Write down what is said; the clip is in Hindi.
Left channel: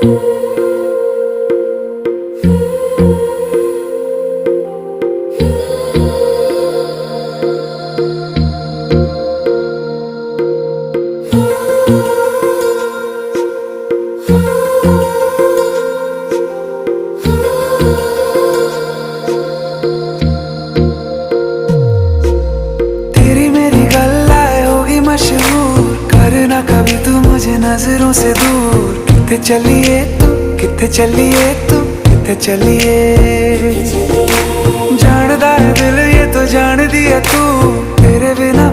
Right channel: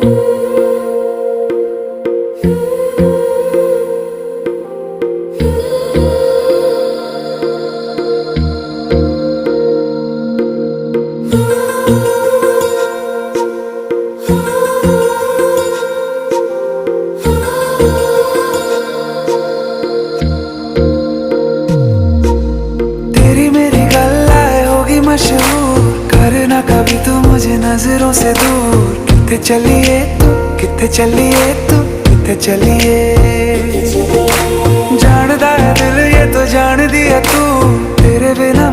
तेरी मेरी गल्लाए होगी मशहूर, करना कभी तू मुझे नजरों से दूर। किथे चलिए तू, किथे चलिए तू, किथे चलिए। जानदा है दिल ये तो जान दिया तू, तेरे बिना